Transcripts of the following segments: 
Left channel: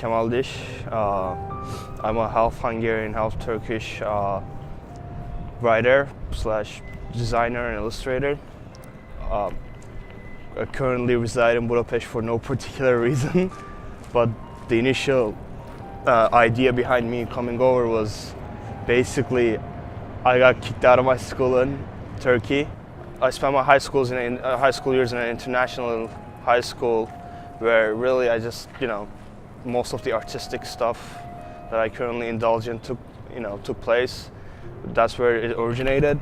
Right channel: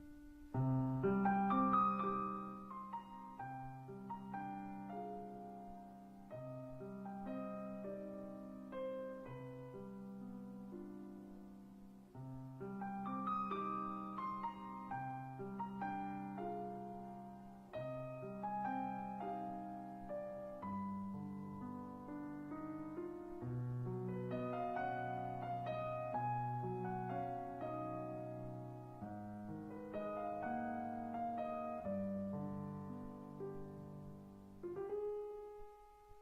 Kemal Dish. I'm a half Hungarian, half Turkish writer slash designer and illustrator. I currently reside in Budapest for no particular reason, but the initial idea behind me coming over was basically I got kicked out of my school in Turkey. I spent my high school years in an international high school where really I just, most of the artistic stuff that I currently indulge in took place. That's where it originated.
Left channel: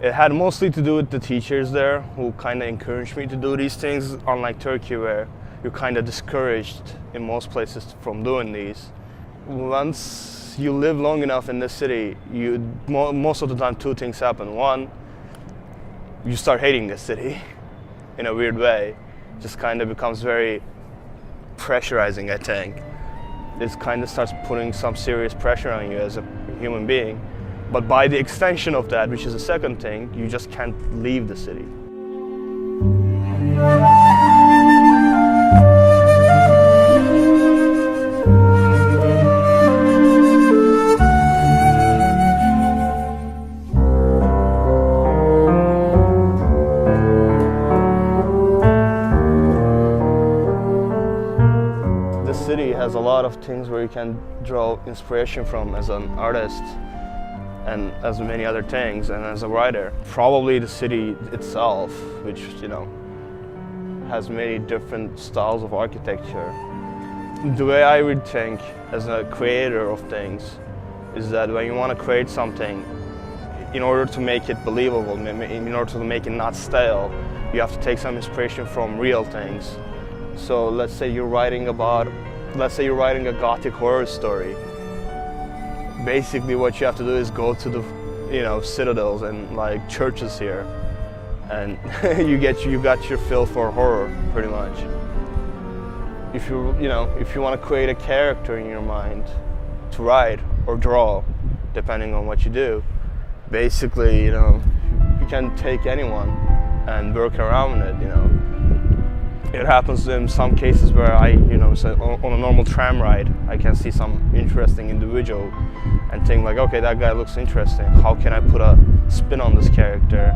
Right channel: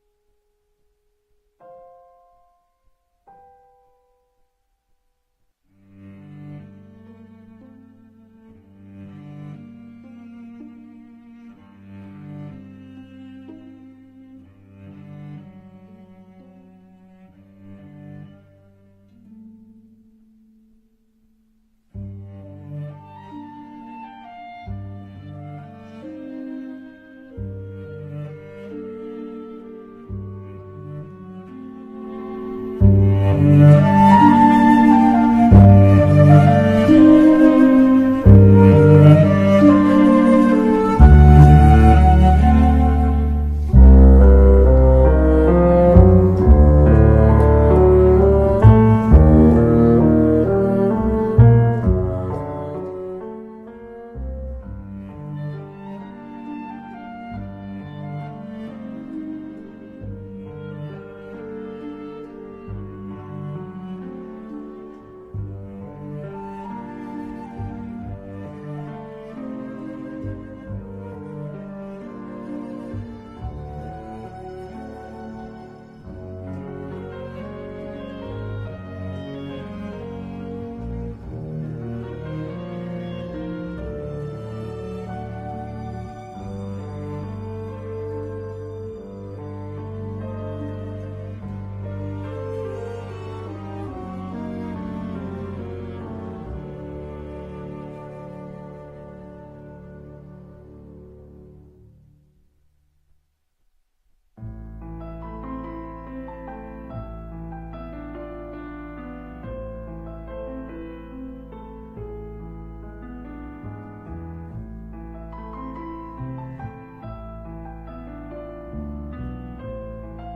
It had mostly to do with the teachers there who kind of encouraged me to do these things, unlike Turkey where you're kind of discouraged in most places from doing these. Once you live long enough in this city, most of the time two things happen. One, you start hating this city in a weird way. It just kind of becomes very pressurizing, I think. It kind of starts putting some serious pressure on you as a human being. But by the extension of that, which is the second thing, you just can't leave the city. The city has a lot of things where you can draw inspiration from as an artist, and as many other things, and as a writer. Probably the city itself, which has many different styles of architecture. The way I would think as a creator of things is that when you want to create something, in order to make it believable, in order to make it not stale, you have to take some inspiration from real things. So let's say you're writing a Gothic horror story. Basically what you have to do is go to the citadels and like churches here, and you got your fill for horror pretty much. If you want to create a character in your mind to write or draw, depending on what you do, basically you can take anyone and work around it. It happens in some cases where on a normal tram ride, I can see some interesting individual and think like, okay, that guy looks interesting. How can I put a spin on this character?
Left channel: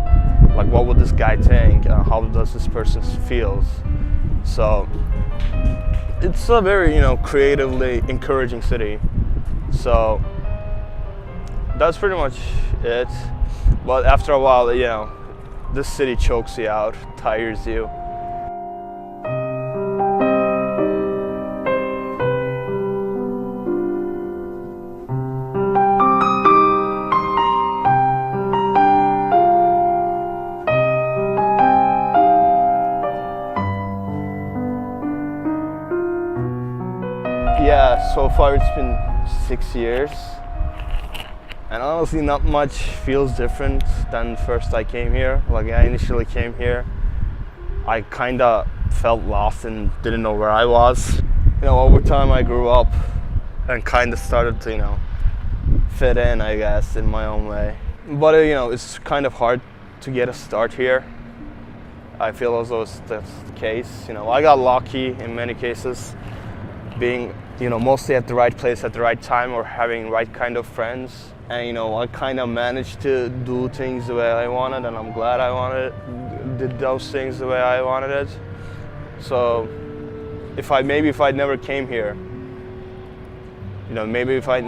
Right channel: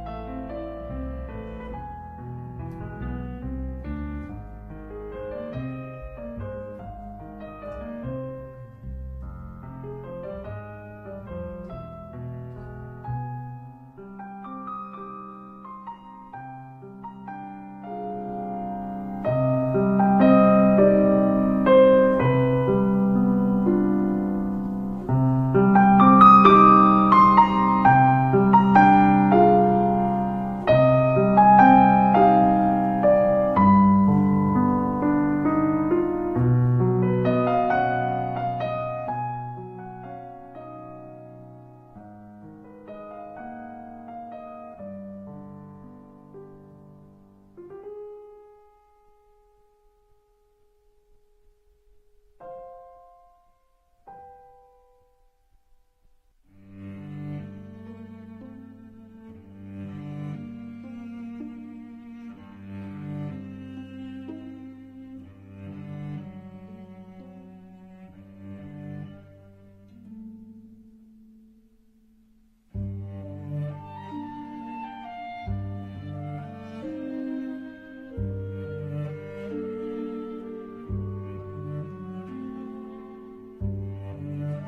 Like, what would this guy think? How does this person feel? So it's a very, creatively encouraging city. So that's pretty much it. But after a while, this city chokes you out, tires you. Yeah, so far it's been 6 years, and honestly not much feels different than first I came here. Like, I initially came here, I kind of felt lost and didn't know where I was. Over time I grew up and kind of started to, fit in, I guess, in my own way. But it's kind of hard to get a start here. I feel as though that's the case. I got lucky in many cases, being mostly at the right place at the right time, or having right kind of friends. And I kind of managed to do things the way I wanted, and I'm glad I did those things the way I wanted it. So if I never came here, maybe if I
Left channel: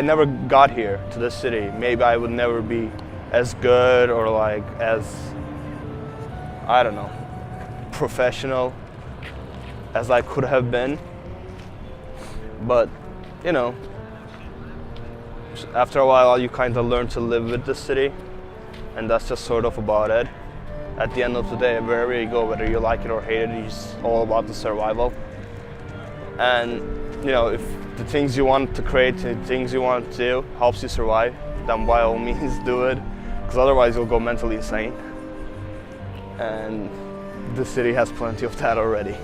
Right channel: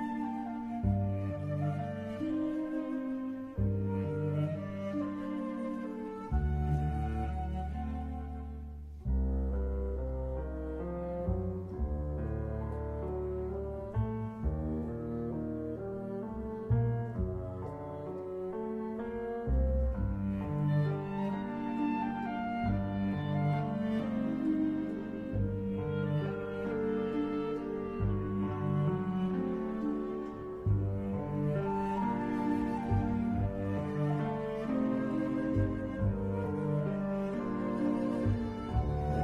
never got here to this city, maybe I would never be as good or as, I don't know, professional as I could have been. But after a while you kind of learn to live with the city, and that's just sort of about it. At the end of the day, wherever you go, whether you like it or hate it, it's all about the survival. And if the things you want to create, the things you want to do helps you survive, then by all means do it, because otherwise you'll go mentally insane. And the city has plenty of that already.